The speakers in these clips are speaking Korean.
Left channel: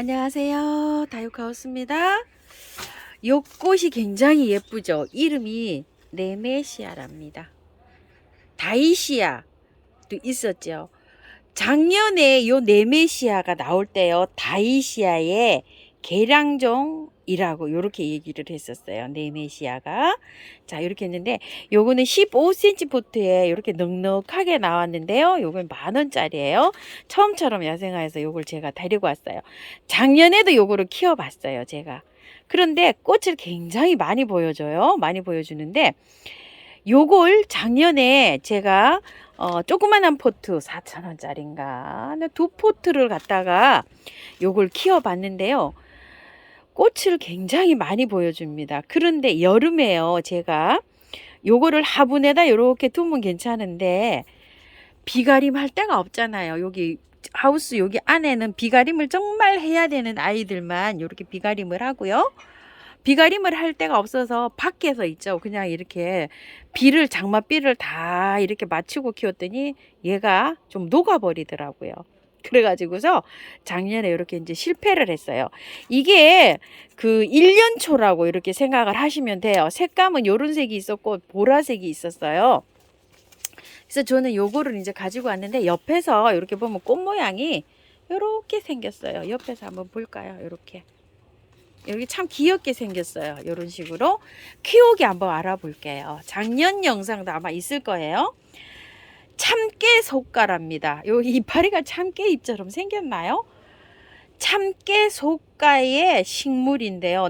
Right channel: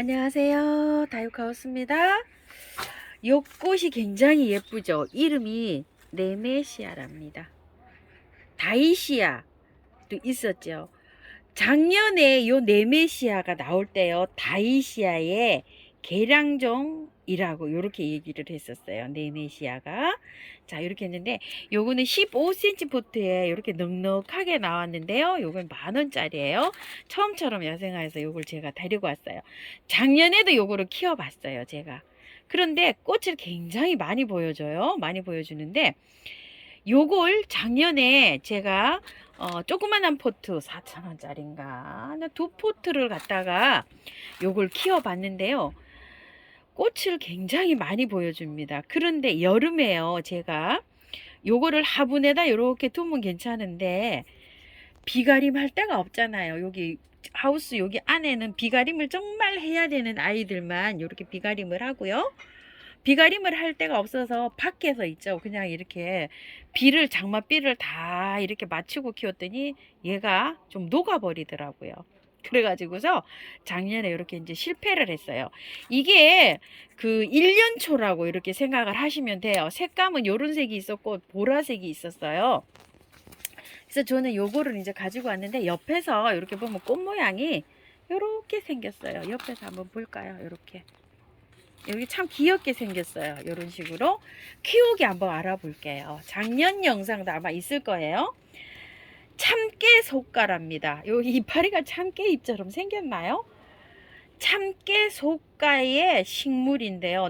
안녕하세요. 다육하우스입니다. 요 꽃이 굉장히 예쁘죠. 이름이 네메시아랍니다. 다이시아도 있었죠. 작년에 요 네메시아가 나올 때요, 다이시아의 개량종이라고 요렇게 얘기를 했었어요. 네메시아가. 자, 이렇게 했는데 요거는 15cm 포트에 이렇게 넉넉하게 나왔는데요. 요건 10,000원짜리예요. 처음처럼 야생화에서 요걸 제가 데리고 왔어요. 작년에도 요거를 키워봤어요, 제가. 그런데 꽃을 굉장히 많이 보여줘요. 많이 보여주는데 요걸 작년에 제가 조그만한 포트 4,000원짜리인가 두 포트를 갖다가 요걸 키워봤는데요. 꽃을 굉장히 많이 보여줍니다. 그런데 여름에요, 제가 요거를 화분에다 이렇게 두면 괜찮은데 비가림 할 데가 없잖아요. 여기 하우스 여기 안에는 비가림을 정말 해야 되는 아이들만 이렇게 비가림을 하고요. 비가림을 할 데가 없어서 밖에서 있죠. 그냥 이렇게 장맛비를 다 이렇게 맞추고 키웠더니 얘가 좀 녹아버리더라고요. 그래가지고서 작년에 이렇게 이제 실패를 했어요. 이게 그 1년초라고 이렇게 생각을 하시면 돼요. 색감은 요런 색이 있었고 보라색이 있었어요. 그래서 저는 요거를 이제 가지고 왔는데 옆에서 이렇게 보면 꽃 모양이 이렇게 생겼어요. 옆에서 한번 볼까요? 이렇게. 여기 참 귀엽게 생겼어요. 이런 식으로 키우기 한번 알아볼게요. 작년 영상도 아마 있을 거예요. 참깨 속가랍니다. 여기 이파리가 참깨 잎처럼 생겼나요? 참깨 속가의 식물인데요.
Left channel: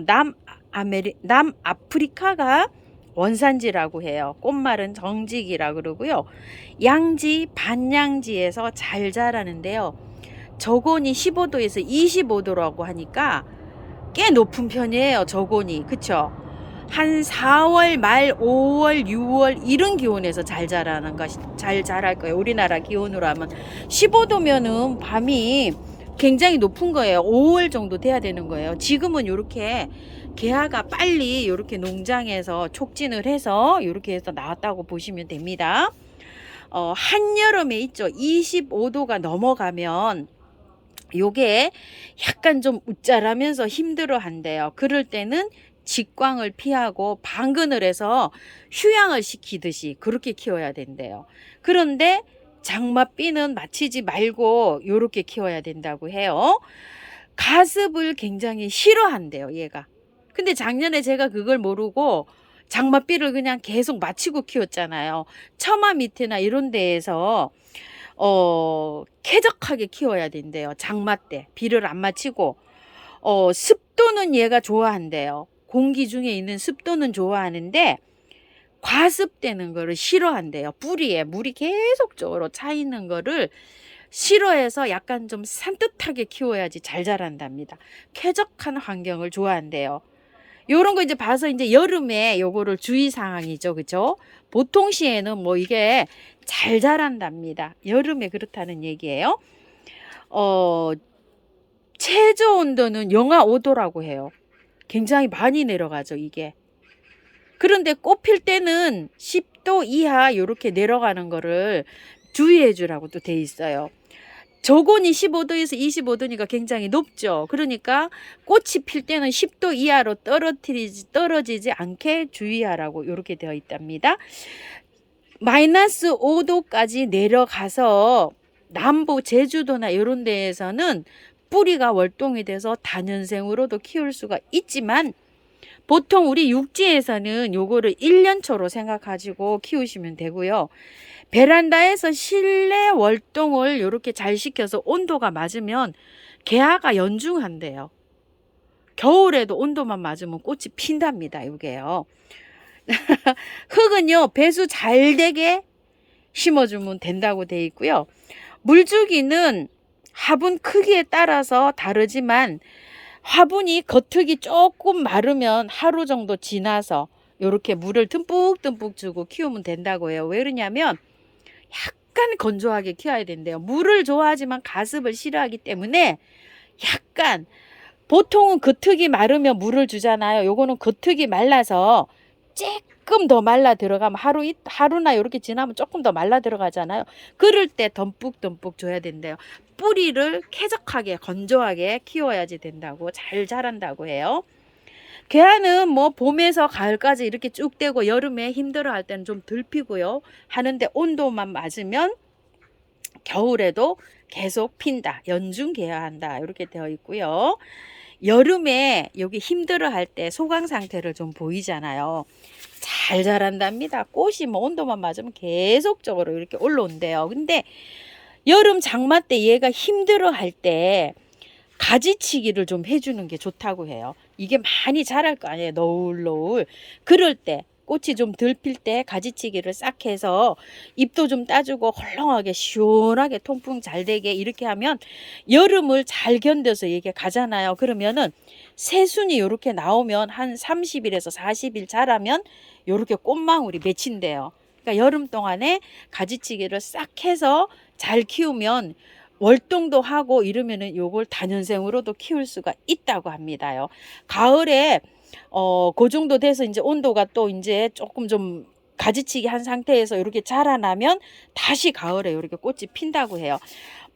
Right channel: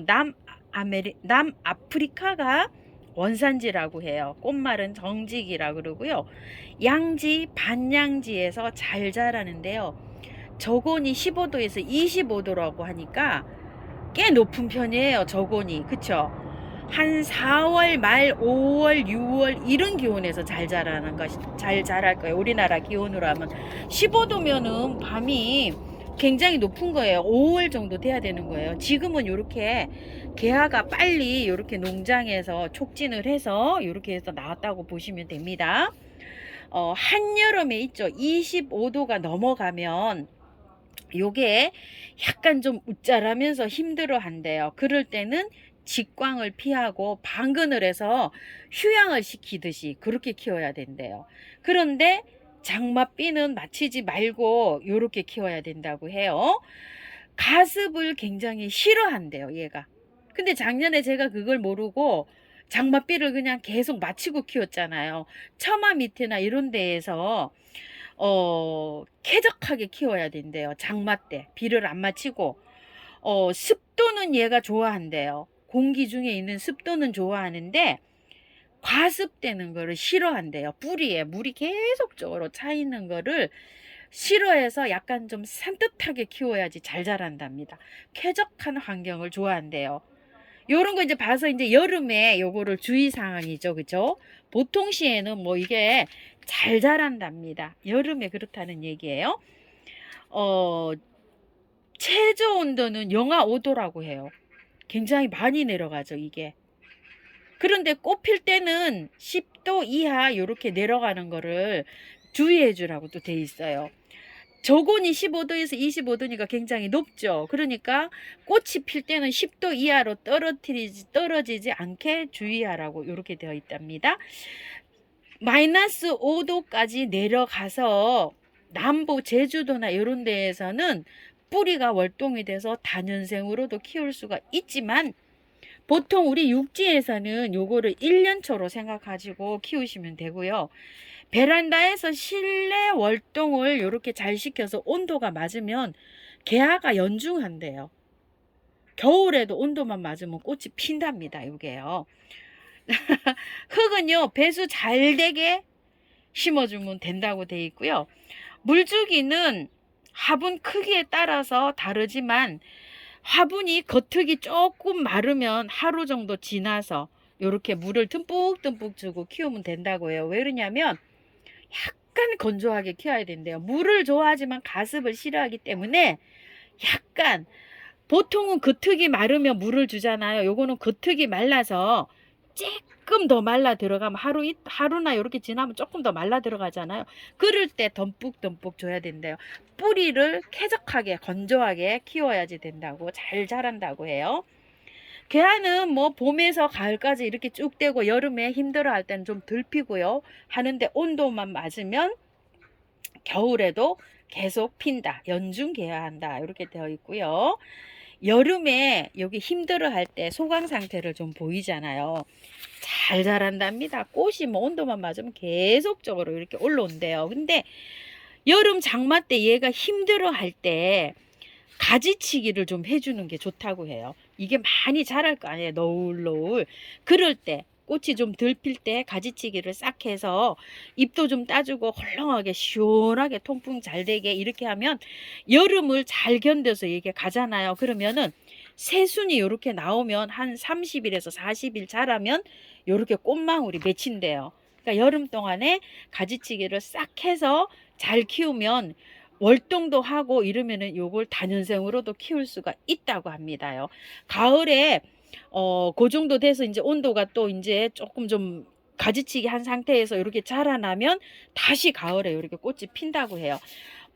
남아프리카가 원산지라고 해요. 꽃말은 정직이라 그러고요. 양지, 반양지에서 잘 자라는데요. 저온이 15도에서 25도라고 하니까 꽤 높은 편이에요. 저온이. 그쵸? 한 4월 말 5월 6월 이런 기온에서 잘 자랄 거예요. 우리나라 기온으로 하면 15도면은 밤이 굉장히 높은 거예요. 5월 정도 돼야 되는 거예요. 지금은 이렇게 개화가 빨리 이렇게 농장에서 촉진을 해서 이렇게 해서 나왔다고 보시면 됩니다. 한여름에 있죠. 25도가 넘어가면 요게 약간 좀 웃자라면서 힘들어 한대요. 그럴 때는 직광을 피하고 방근을 해서 휴양을 시키듯이 그렇게 키워야 된대요. 그런데 장맛비는 맞히지 말고 요렇게 키워야 된다고 해요. 가습을 굉장히 싫어한대요, 얘가. 근데 작년에 제가 그걸 모르고 장맛비를 그냥 계속 맞히고 키웠잖아요. 처마 밑에나 이런 데에서 쾌적하게 키워야 된대요. 장마 때 비를 안 맞히고 습도는 얘가 좋아한대요. 공기 중에 있는 습도는 좋아하는데 과습되는 거를 싫어한대요. 뿌리에 물이 계속적으로 차 있는 거를 싫어해서 약간 좀 산뜻하게 키워야지 잘 자란답니다. 쾌적한 환경을 좋아한대요. 요런 거 이제 봐서 이제 여름에 요거를 주의사항이죠. 그죠? 보통 시에는 뭐 이게 잘 자란답니다. 여름에 그렇다는 얘기예요. 최저 온도는 영하 5도라고 해요. 굉장히 많이 내려가죠, 이게. 그런데 꽃 필 때는 10도 이하 이렇게 내려가는 거를 주의해 주라고 또 돼 있어요. 저온이 15도에서 25도니까 굉장히 높죠. 그러니까 꽃이 필 때는 10도 이하로 떨어지지 않게 주의하라고 이렇게 되어 있답니다. 마이너스 5도까지 내려가서 남부 제주도나 이런 데에서는 뿌리가 월동이 돼서 다년생으로도 키울 수가 있지만 보통 우리 육지에서는 요거를 1년초로 생각하시고 키우시면 되고요. 베란다에서 실내 월동을 이렇게 잘 시켜서 온도가 맞으면 개화가 연중한대요. 겨울에도 온도만 맞으면 꽃이 핀답니다. 이게요. 흙은요, 배수 잘 되게 심어주면 된다고 돼 있고요. 물주기는 화분 크기에 따라서 다르지만 화분이 겉흙이 조금 마르면 하루 정도 지나서 이렇게 물을 듬뿍듬뿍 주고 키우면 된다고 해요. 왜 그러냐면 약간 건조하게 키워야 된대요. 물을 좋아하지만 가습을 싫어하기 때문에 약간 보통은 겉흙이 마르면 물을 주잖아요. 요거는 겉흙이 말라서 조금 더 말라 들어가면 하루나 이렇게 지나면 조금 더 말라 들어가잖아요. 그럴 때 듬뿍듬뿍 줘야 된대요. 뿌리를 쾌적하게 건조하게 키워야지 된다고, 잘 자란다고 해요. 계란은 뭐 봄에서 가을까지 이렇게 쭉 되고 여름에 힘들어 할 때는 좀 덜 피고요. 하는데 온도만 맞으면 겨울에도 계속 핀다. 연중개야 한다. 이렇게 되어 있고요. 여름에 여기 힘들어 할 때 소강 상태를 좀 보이잖아요. 잘 자란답니다. 꽃이 뭐 온도만 맞으면 계속적으로 이렇게 올라온대요. 근데 여름 장마 때 얘가 힘들어 할 때 가지치기를 좀 해주는 게 좋다고 해요. 이게 많이 자랄 거 아니에요. 너울너울. 그럴 때 꽃이 좀 덜 필 때 가지치기를 싹 해서 잎도 좀 따주고 헐렁하게 시원하게 통풍 잘 되게 이렇게 하면 여름을 잘 견뎌서 이게 가잖아요. 그러면은 새순이 이렇게 나오면 한 30일에서 40일 자라면 이렇게 꽃망울이 맺힌대요. 그러니까 여름 동안에 가지치기를 싹 해서 잘 키우면 월동도 하고 이러면은 요걸 다년생으로도 키울 수가 있다고 합니다요. 가을에 그 정도 돼서 이제 온도가 또 이제 조금 좀 가지치기 한 상태에서 이렇게 자라나면 다시 가을에 이렇게 꽃이 핀다고 해요.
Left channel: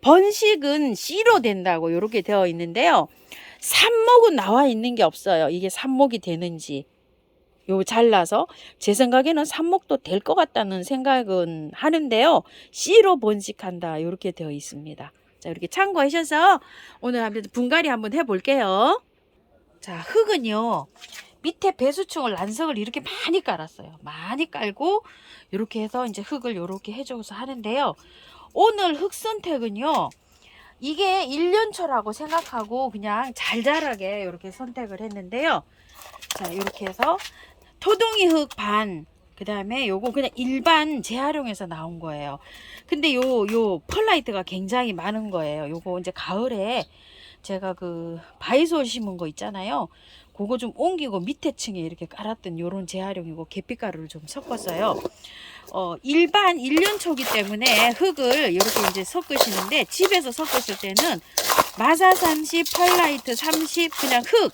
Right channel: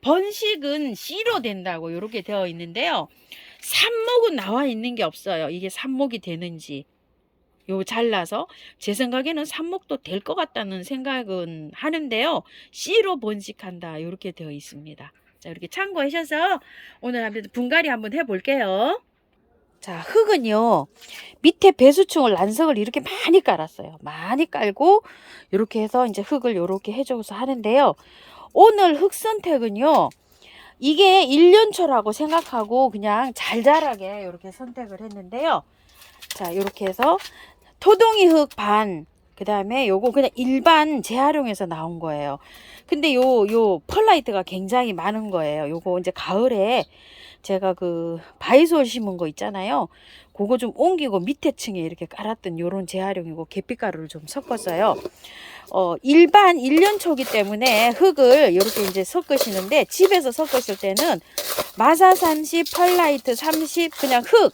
번식은 씨로 된다고 이렇게 되어 있는데요. 삽목은 나와 있는 게 없어요. 이게 삽목이 되는지. 요 잘라서 제 생각에는 삽목도 될 것 같다는 생각은 하는데요. 씨로 번식한다 이렇게 되어 있습니다. 자, 이렇게 참고하셔서 오늘 한번 분갈이 한번 해볼게요. 자, 흙은요 밑에 배수충을 난석을 이렇게 많이 깔았어요. 많이 깔고 이렇게 해서 이제 흙을 이렇게 해줘서 하는데요. 오늘 흙 선택은요, 이게 1년초라고 생각하고 그냥 잘 자라게 이렇게 선택을 했는데요. 자, 이렇게 해서 토동이 흙 반, 그 다음에 요거 그냥 일반 재활용해서 나온 거예요. 근데 요 펄라이트가 굉장히 많은 거예요. 요거 이제 가을에 제가 그 바이솔 심은 거 있잖아요. 그거 좀 옮기고 밑에 층에 이렇게 깔았던 요런 재활용이고 계피가루를 좀 섞었어요. 일반 1년초기 때문에 흙을 이렇게 이제 섞으시는데, 집에서 섞으실 때는 마사 30, 펄라이트 30, 그냥 흙,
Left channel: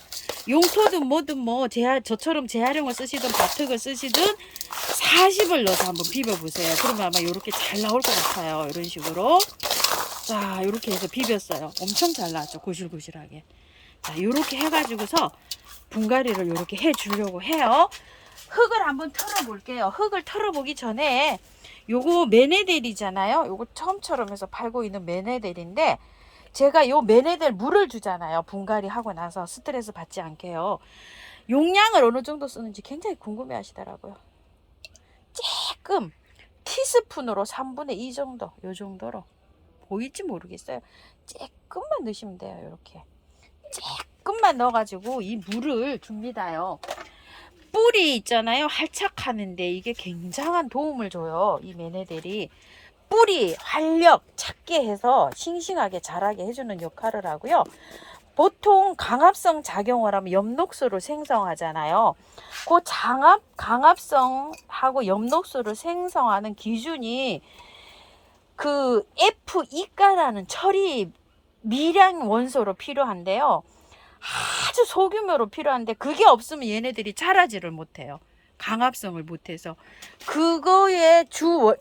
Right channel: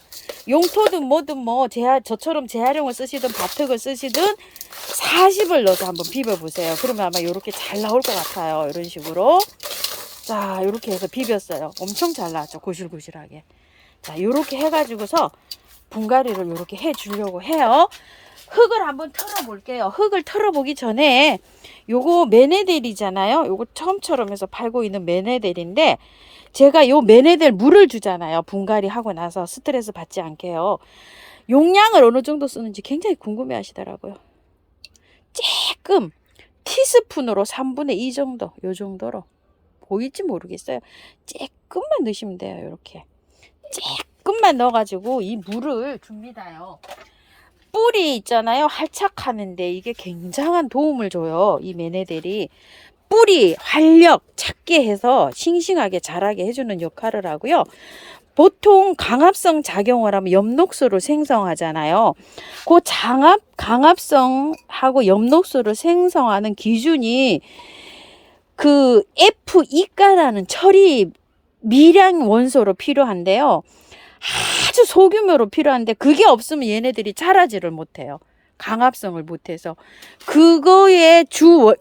용토든 뭐든 뭐 저처럼 재활용을 쓰시든 밭흙을 쓰시든 40을 넣어서 한번 비벼보세요. 그러면 아마 이렇게 잘 나올 것 같아요. 이런 식으로. 자, 이렇게 해서 비볐어요. 엄청 잘 나왔죠. 고실고실하게. 자, 이렇게 해가지고서 분갈이를 이렇게 해주려고 해요. 흙을 한번 털어볼게요. 흙을 털어보기 전에 요거 메네델이잖아요. 요거 처음처럼 해서 팔고 있는 메네델인데, 제가 요 메네델 물을 주잖아요. 분갈이 하고 나서 스트레스 받지 않게요. 용량을 어느 정도 쓰는지 굉장히 궁금해 하시더라고요. 조금 티스푼으로 3분의 2 정도, 요 정도로 보일지 모르겠어요. 조금만 넣으시면 돼요. 이렇게 조금만 넣어가지고 이 물을 줍니다요. 뿌리 있잖아요. 활착하는데 이게 굉장한 도움을 줘요. 이 메네델이 뿌리 활력 찾게 해서 싱싱하게 자라게 해주는 역할을 하고요. 보통 강압성 작용을 하면 엽록소를 생성하잖아요. 그 강압성하고 엽록소를 생성하는 기준이 그 F2가라는 처리 미량 원소로 필요한데요. 아주 소규모로 필요한데 그게 없으면 얘네들이 자라지를 못해요. 강압성을 못해서. 그거의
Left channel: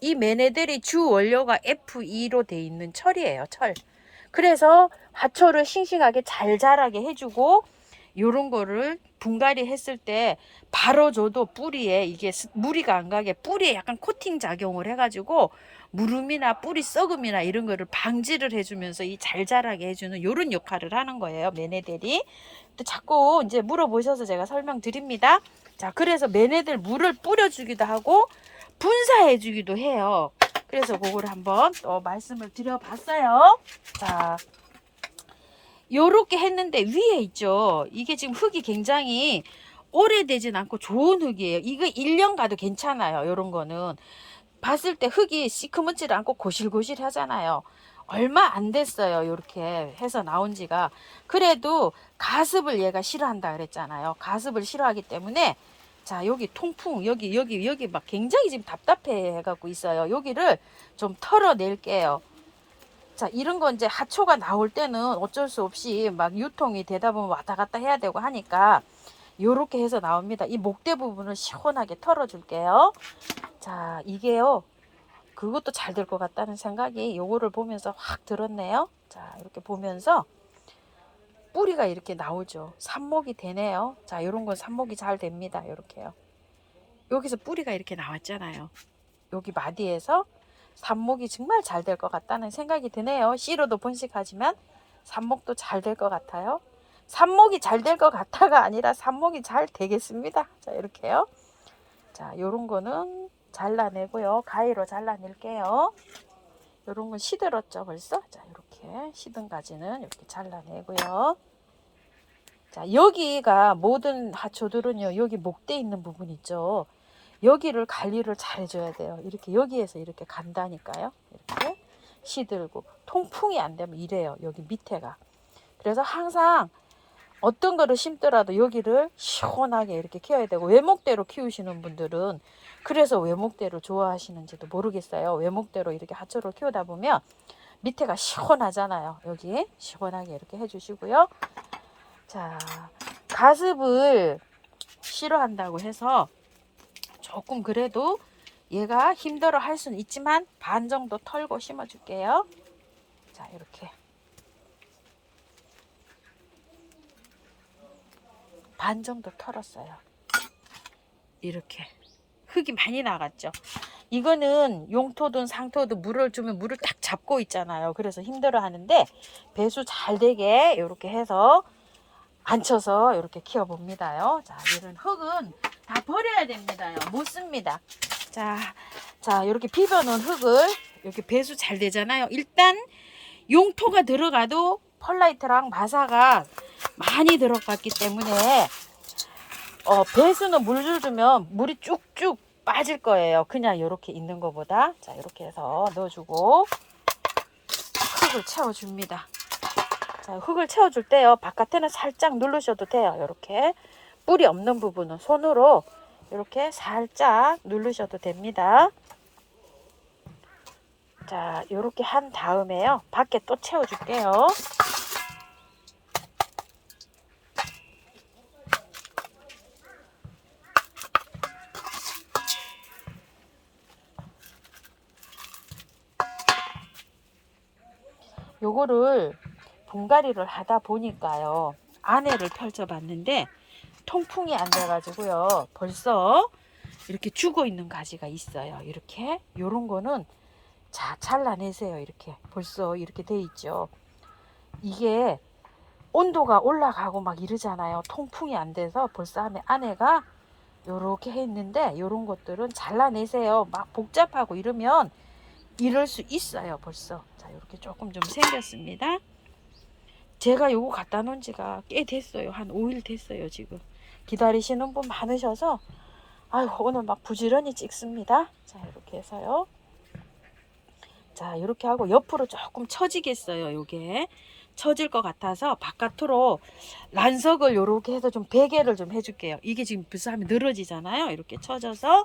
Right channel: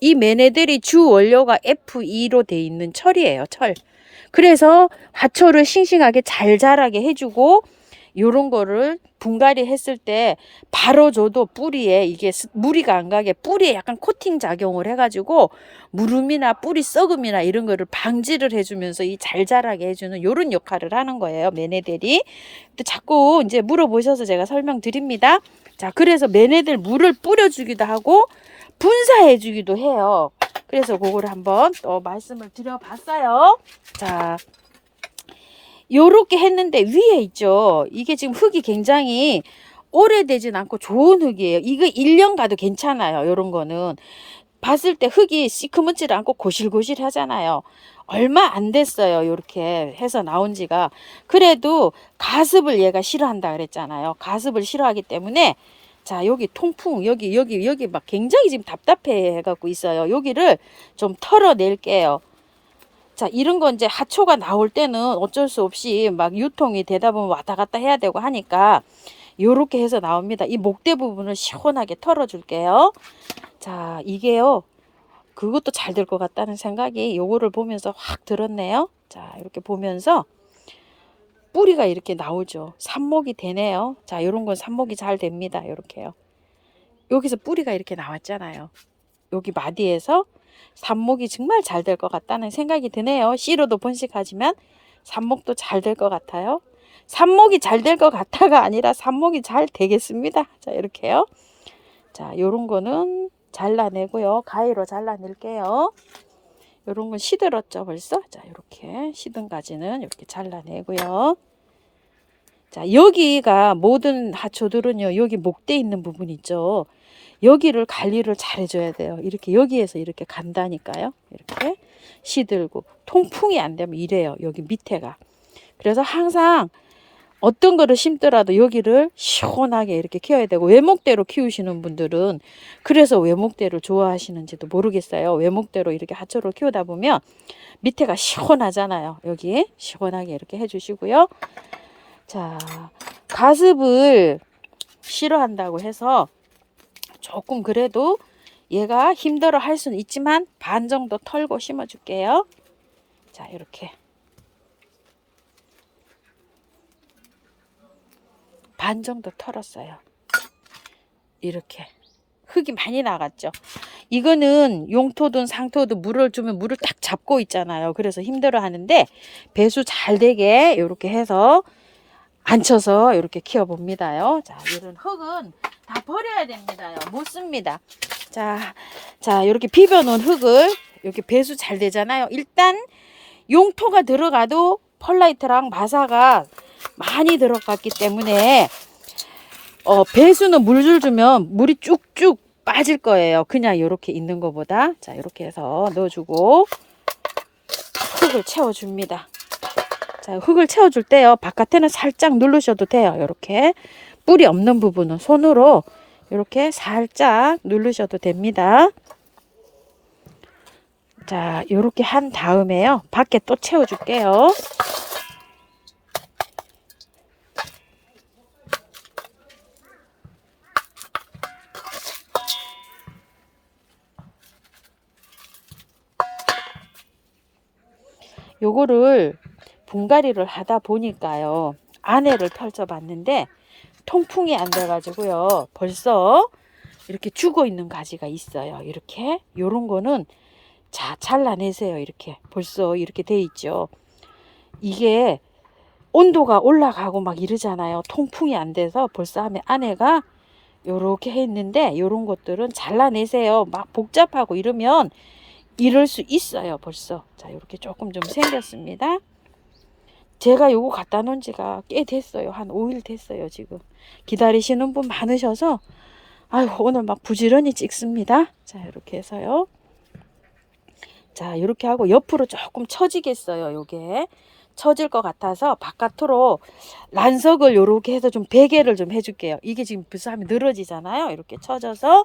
이 메네들이 주 원료가 F2로 돼 있는 철이에요. 철. 그래서 화초를 싱싱하게 잘 자라게 해주고, 요런 거를 분갈이 했을 때 바로 줘도 뿌리에 이게 무리가 안 가게 뿌리에 약간 코팅 작용을 해가지고 무름이나 뿌리 썩음이나 이런 거를 방지를 해주면서 이 잘 자라게 해주는 요런 역할을 하는 거예요. 메네델이. 또 자꾸 이제 물어보셔서 제가 설명드립니다. 자, 그래서 메네델 물을 뿌려주기도 하고 분사해주기도 해요. 그래서 그거를 한번 또 말씀을 드려봤어요. 자, 요렇게 했는데 위에 있죠. 이게 지금 흙이 굉장히 오래되진 않고 좋은 흙이에요. 이거 1년 가도 괜찮아요. 요런 거는 봤을 때 흙이 시커멓지 않고 고실고실 하잖아요. 얼마 안 됐어요. 요렇게 해서 나온 지가. 그래도 가습을 얘가 싫어한다 그랬잖아요. 가습을 싫어하기 때문에, 자, 여기 통풍, 여기 막 굉장히 지금 답답해 해갖고 있어요. 여기를 좀 털어낼게요. 자, 이런 건 이제 하초가 나올 때는 어쩔 수 없이 막 유통이 되다 보면 왔다 갔다 해야 되고 하니까 요렇게 해서 나옵니다. 이 목대 부분을 시원하게 털어줄게요. 자, 이게요. 그것도 잘 될 것 같다는 생각이 요거를 보면서 확 들었네요. 자, 이렇게 보면서 뿌리가 이렇게 나오죠. 삽목이 되네요. 자, 요런 건 삽목이 잘 됩니다. 요렇게요. 여기서 뿌리가 이렇게 나왔잖아요. 여기 마디에서 삽목이 정말 잘 될 것 같다는 생각이 드네요. 씨로도 번식하지만 삽목도 잘 될 것 같아요. 삽목이 잘 될 것 같아가 아니라 삽목이 잘 되겠습니다. 자, 이렇게요. 자, 요런 거는 잘라내고요. 가위로 잘라낼게요. 요런 건 시들었죠, 벌써? 자, 이렇게 시든 가지는 이렇게 잘라내고요. 자, 여기가 모든 하초들은요, 여기 목대 있는 부분 있죠. 여기를 관리를 잘 해줘야 돼요. 이렇게 여기에서 이렇게 간다니까요. 이렇게 시들고 통풍이 안 되면 이래요. 여기 밑에가. 그래서 항상 어떤 거를 심더라도 여기를 시원하게 이렇게 키워야 되고, 외목대로 키우시는 분들은 그래서 외목대를 좋아하시는지도 모르겠어요. 외목대로 이렇게 하초를 키우다 보면 밑에가 시원하잖아요. 여기 시원하게 이렇게 해주시고요. 자, 가습을 싫어한다고 해서 조금 그래도 얘가 힘들어 할 수는 있지만 반 정도 털고 심어 줄게요. 자, 이렇게 반 정도 털었어요. 이렇게 흙이 많이 나갔죠. 이거는 용토든 상토든 물을 주면 물을 딱 잡고 있잖아요. 그래서 힘들어 하는데 배수 잘 되게 이렇게 해서 앉혀서 이렇게 키워 봅니다요. 자, 이런 흙은 다 버려야 됩니다요. 못 씁니다. 자, 이렇게 비벼 놓은 흙을 이렇게 배수 잘 되잖아요. 일단 용토가 들어가도 펄라이트랑 마사가 많이 들어갔기 때문에 배수는 물줄 주면 물이 쭉쭉 빠질 거예요. 그냥 이렇게 있는 것보다. 자, 이렇게 해서 넣어주고 흙을 채워줍니다. 자, 흙을 채워줄 때요, 바깥에는 살짝 누르셔도 돼요. 이렇게 뿌리 없는 부분은 손으로 이렇게 살짝 누르셔도 됩니다. 자, 이렇게 한 다음에요, 밖에 또 채워줄게요. 요거를 분갈이를 하다 보니까요, 안에를 펼쳐 봤는데 통풍이 안 돼 가지고요, 벌써 이렇게 죽어 있는 가지가 있어요. 이렇게 요런 거는 자, 잘라내세요. 이렇게 벌써 이렇게 돼 있죠. 이게 온도가 올라가고 막 이러잖아요. 통풍이 안 돼서 벌써 하면 안에가 요렇게 했는데, 요런 것들은 잘라내세요. 막 복잡하고 이러면 이럴 수 있어요. 벌써 자, 이렇게 조금 좀 생겼습니다. 제가 요거 갖다 놓은 지가 꽤 됐어요. 한 5일 됐어요. 지금 기다리시는 분 많으셔서 아유, 오늘 막 부지런히 찍습니다. 자, 이렇게 해서요. 자, 이렇게 하고 옆으로 조금 처지겠어요. 요게 처질 것 같아서 바깥으로 란석을 요렇게 해서 좀 베개를 좀 해줄게요. 이게 지금 벌써 하면 늘어지잖아요. 이렇게 처져서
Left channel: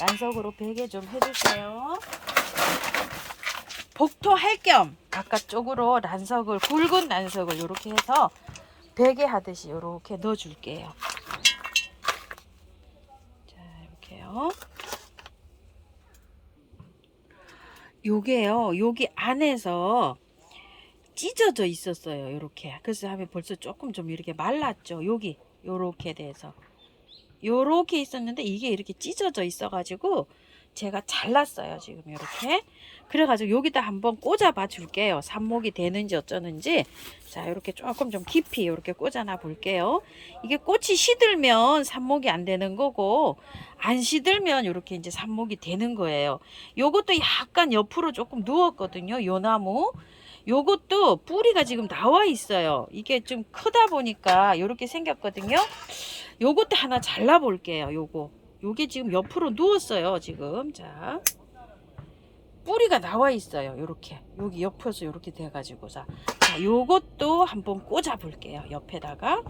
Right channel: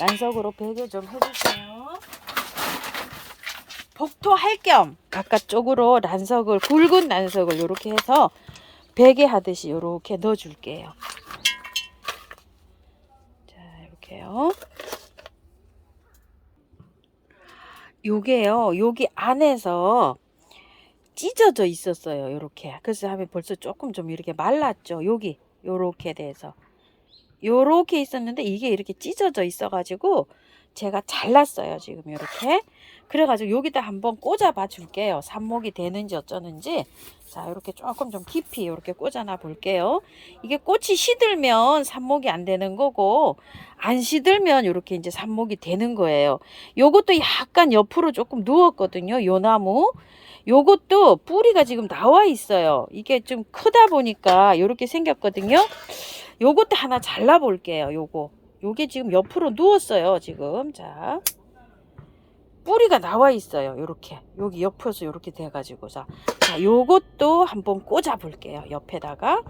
란석으로 베개 좀 해주세요. 복토할 겸 바깥쪽으로 란석을, 굵은 란석을 요렇게 해서 베개 하듯이 요렇게 넣어 줄게요. 자, 이렇게요. 요게요, 여기 안에서 찢어져 있었어요. 요렇게. 그래서 하면 벌써 조금 좀 이렇게 말랐죠. 여기 요렇게 돼서 요렇게 있었는데 이게 이렇게 찢어져 있어 가지고 제가 잘랐어요. 지금 이렇게. 그래가지고 여기다 한번 꽂아 봐 줄게요. 삽목이 되는지 어쩌는지. 자, 이렇게 조금 좀 깊이 이렇게 꽂아놔 볼게요. 이게 꽃이 시들면 삽목이 안 되는 거고, 안 시들면 이렇게 이제 삽목이 되는 거예요. 요것도 약간 옆으로 조금 누웠거든요. 요 나무. 요것도 뿌리가 지금 나와 있어요. 이게 좀 크다 보니까 이렇게 생겼거든요. 요것도 하나 잘라 볼게요. 요게 지금 옆으로 누웠어요. 지금. 자, 뿌리가 나와 있어요. 요렇게 여기 옆에서 요렇게 돼 가지고 자, 요것도 한번 꽂아 볼게요. 옆에다가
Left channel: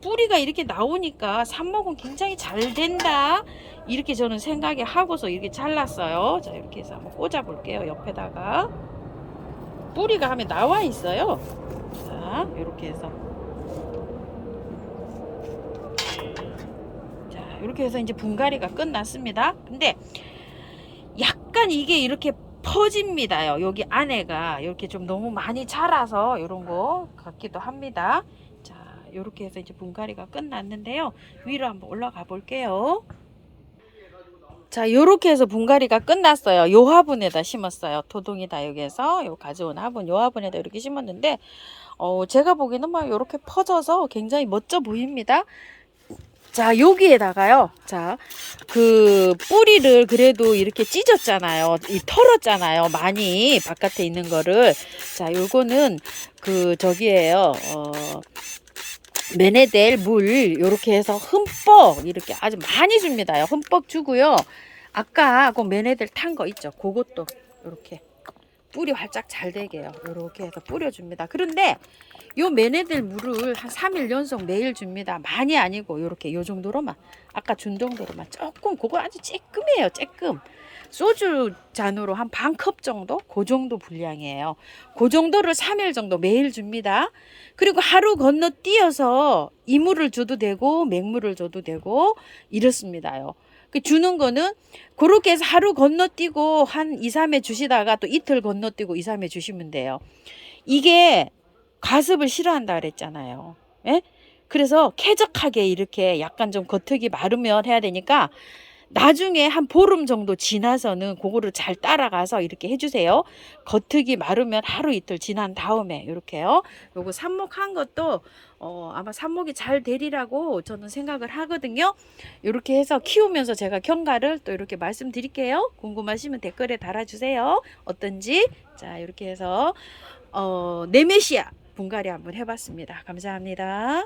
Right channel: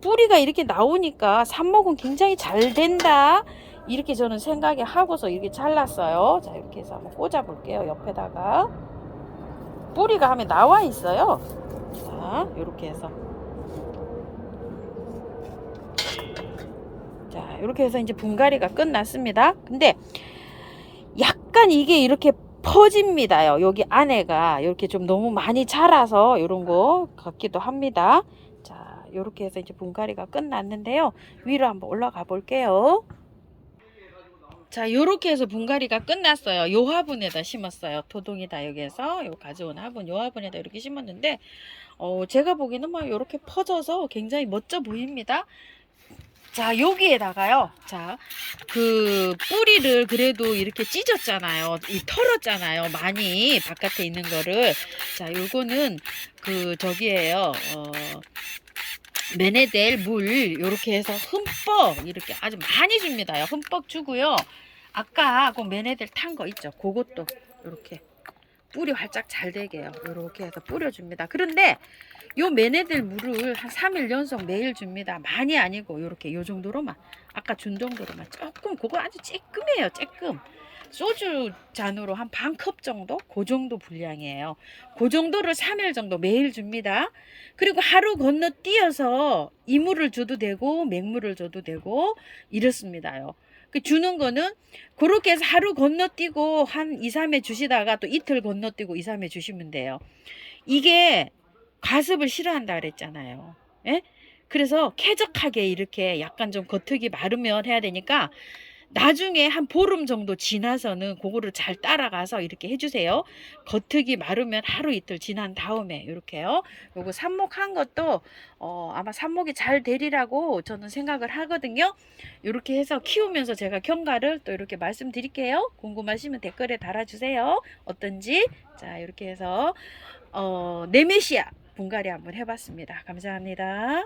뿌리가 이렇게 나오니까 삽목은 굉장히 잘 된다, 이렇게 저는 생각이 하고서 이렇게 잘랐어요. 자, 이렇게 해서 한번 꽂아 볼게요. 옆에다가 뿌리가 하면 나와 있어요. 자, 요렇게 해서 자, 이렇게 해서 이제 분갈이가 끝났습니다. 근데 약간 이게 이렇게 퍼집니다요. 여기 안에가 이렇게 좀 너무 많이 자라서 이런 거 같기도 합니다. 자, 이렇게 해서 이제 분갈이가 끝났는데요. 위로 한번 올라가 볼게요. 자, 요렇게 해서 분갈이가 끝났어요. 요 화분에다 심었어요. 토동이다 여기에서 요 가져온 화분, 요 화분에다 이렇게 심었는데 제가 보기에는 막 요렇게 퍼져서 굉장히 멋져 보입니다. 자, 여기에다가요. 자, 그 뿌리를 그래도 이렇게 찢었잖아요. 털었잖아요. 많이 바깥에 있는 거를. 자, 요거는 그 저기에요. 메네델 물 요렇게 해서 흠뻑 이렇게 아주 많이 줍니다요. 흠뻑 주고요. 아까 그 메네델 탄 거 있죠. 그것도 이렇게 뿌리 활짝 잘 되게요. 이렇게 해서 뿌려줍니다. 그런데 요 메네델 물을 한 3일 연속 매일 줍니다. 많이 아니고 요렇게 요 정도로만 아까 준 정도로만 조금 그거 아주 쬐끔해요. 쬐끔. 소주 잔으로 한 반 컵 정도? 그 정도 분량이에요. 그 정도를 3일 정도 매일 줍니다. 그리고 하루 건너뛰어서 이물을 줘도 되고 맹물을 줘도 되고 이렇습니다요. 그 주는 거는 그렇게 해서 하루 건너뛰고 한 2, 3회 주시다가 또 이틀 건너뛰고 2, 3회 주시면 돼요. 이게 과습을 싫어한다 그랬잖아요. 예? 그래서 쾌적하게 이렇게 약간 좀 겉흙이 마르면 해야 되니까 나중에 한 보름 정도 지나서는 그거를 잘 따라가서 이렇게 해주세요. 겉흙이 마르면 하루 이틀 지난 다음에 이렇게요. 요거 삽목한 것도 아마 삽목이 잘 되리라고 저는 생각을 하거든요. 이렇게 해서 키우면서 제가 경과를 또 이렇게 말씀드릴게요. 궁금하시면 댓글에 달아주세요. 어떤지. 자, 이렇게 해서 네메시아 분갈이 한번 해봤습니다. 감사합니다.